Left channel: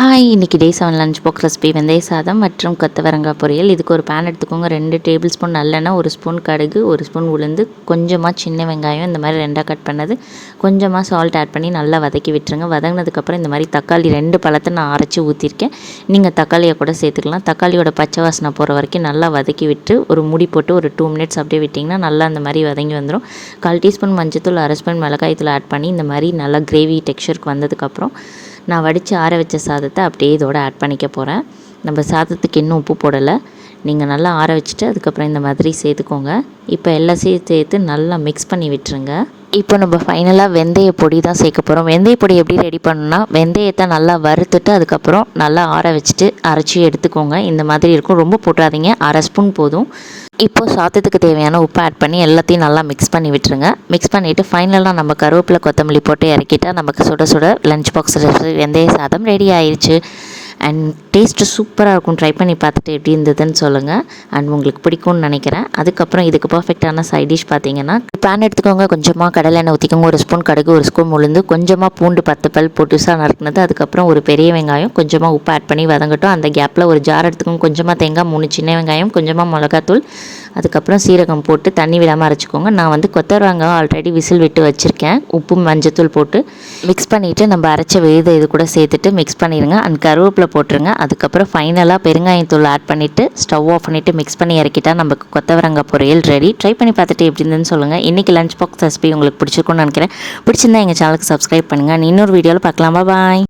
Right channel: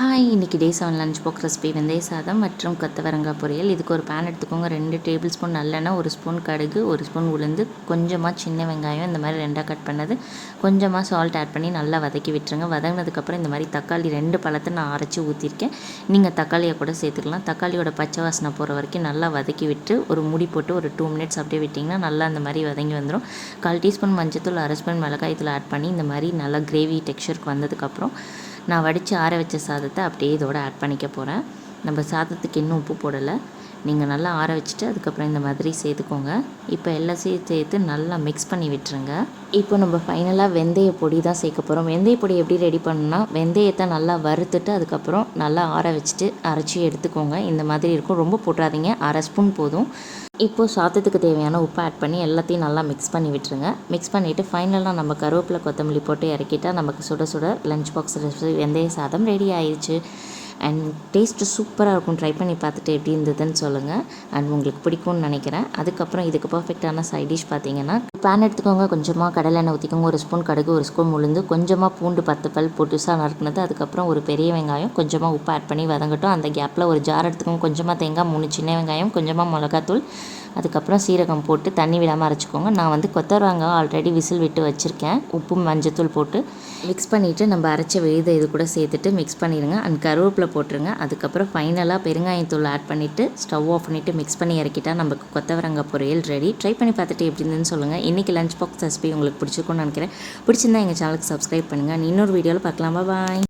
Hi, இன்றைக்கி டே 7 lunch box recipe வெந்தய சாதம் மற்றும் கொத்தவரங்காய் பொரியல். இதுக்கு ஒரு பேன் எடுத்துக்கோங்க. 2 டேபிள் ஸ்பூன் நல்லெண்ணெய், 1 ஸ்பூன் கடுகு, 1 ஸ்பூன் உளுந்து, கொஞ்சமாக சின்ன வெங்காயம் இந்த மாதிரி 2 கட் பண்ணது, கொஞ்சமாக சால்ட் ஆட் பண்ணி நல்லா வதக்கி விட்டுருங்க. வதங்கினதுக்கப்புறம் இந்த மாதிரி தக்காளி 2 பழத்தை நான் அரைச்சி ஊற்றிருக்கேன். நீங்கள் தக்காளியை கூட சேர்த்துக்கலாம். தக்காளியோட பச்சை வாசனை போகிற வரைக்கும் நல்லா வதக்கி விட்டு ஒரு மூடி போட்டு ஒரு 2 மினிட்ஸ் அப்படியே விட்டிங்கன்னா நல்லா அந்த மாதிரி வதங்கி வந்துடும். 1/4 டீஸ்பூன் மஞ்சத்தூள், 1/2 ஸ்பூன் மிளகாய்த்தூள் ஆட் பண்ணி இந்த மாதிரி நல்லா கிரேவி டெக்ஸ்சருக்கு வந்ததுக்கப்புறம் நான் வடித்து ஆற வச்ச சாதத்தை அப்படியே இதோட ஆட் பண்ணிக்க போகிறேன். நம்ம சாதத்துக்கு இன்னும் உப்பு போடலை. நீங்கள் நல்லா ஆற வச்சுட்டு அதுக்கப்புறம் இந்த மாதிரி சேர்த்துக்கோங்க. இப்போ எல்லாத்தையும் சேர்த்து நல்லா மிக்ஸ் பண்ணி விட்டுருங்க. இப்போ நம்ம ஃபைனலாக வெந்தய பொடி தான் சேர்க்க போகிறோம். வெந்தய பொடி எப்படி ரெடி பண்ணணும்னா, வெந்தயத்தை நல்லா வறுத்துட்டு அதுக்கப்புறம் நல்லா ஆற வச்சுட்டு அரைச்சி எடுத்துக்கோங்க. இந்த மாதிரி இருக்கும். ரொம்ப போட்டாதீங்க, 1/2 ஸ்பூன் போதும். இப்போது சாதத்துக்கு தேவையான உப்பு ஆட் பண்ணி எல்லாத்தையும் நல்லா மிக்ஸ் பண்ணி விட்டுருங்க. மிக்ஸ் பண்ணிவிட்டு ஃபைனலாக நம்ம கருவேப்பிலை கொத்தமல்லி போட்டு இறக்கிட்டால் நமக்கு சுட சுட லஞ்ச் பாக்ஸ் வெந்தய சாதம் ரெடி ஆயிடுச்சு. அண்ட் டேஸ்ட்டு சூப்பராக இருக்கும். ட்ரை பண்ணி பார்த்துட்டு எப்படி இருந்ததுன்னு சொல்லுங்கள். அண்ட் உங்களுக்கு பிடிக்கும்னு நினைக்கிறேன். அதுக்கப்புறம் இதுக்கு பர்ஃபெக்டான சைட் டிஷ் பார்த்தீங்கன்னா, பேன் எடுத்துக்கோங்க. கொஞ்சமாக கடலை எண்ணெய் ஊற்றிக்கோங்க. 1 ஸ்பூன் கடுகு, 1 ஸ்பூன் உளுந்து, கொஞ்சமாக பூண்டு 10 பல் பொட்டுசாக நறுக்குனது, அதுக்கப்புறம் ஒரு பெரிய வெங்காயம், கொஞ்சமாக உப்பு ஆட் பண்ணி வதங்கட்டும். அந்த கேப்பில் ஒரு ஜார் எடுத்துக்கோங்க. கொஞ்சமாக தேங்காய், 3 சின்ன வெங்காயம், கொஞ்சமாக மிளகாத்தூள், அதுக்கப்புறம் சீரகம் போட்டு தண்ணி விடாமல் அரைச்சிக்கோங்க. நான் வந்து கொத்தவரங்காய் ஆல்ரெடி விசில் விட்டு வச்சுருக்கேன். உப்பு மஞ்சத்தூள் போட்டு மிக்ஸ் பண்ணிவிட்டு நம்ம அரைச்ச விழுதை இது கூட சேர்த்துட்டு மிக்ஸ் பண்ணிடுங்க. அண்ட் கருவேப்பிலை போட்டுருங்க. அதுக்கப்புறம் ஃபைனலாக பெருங்காயத்தூள் ஆட் பண்ணிவிட்டு ஸ்டவ் ஆஃப் பண்ணிவிட்டு மிக்ஸ் பண்ணி இறக்கிட்டால் நமக்கு கொத்தவரங்காய் பொரியல் ரெடி. ட்ரை பண்ணி பார்த்துட்டு எப்படி இருந்துன்னு சொல்லுங்கள். இன்றைக்கி லஞ்ச் பாக்ஸ் ரெசிபி உங்களுக்கு பிடிச்சிருக்கும்னு நினைக்கிறேன். பிடிச்சிருந்தா எங்கள் சேனலுக்கு சப்ஸ்கிரைப் பண்ணுங்கள். இன்னொரு வீடியோவில் பார்க்கலாமா. பாய்.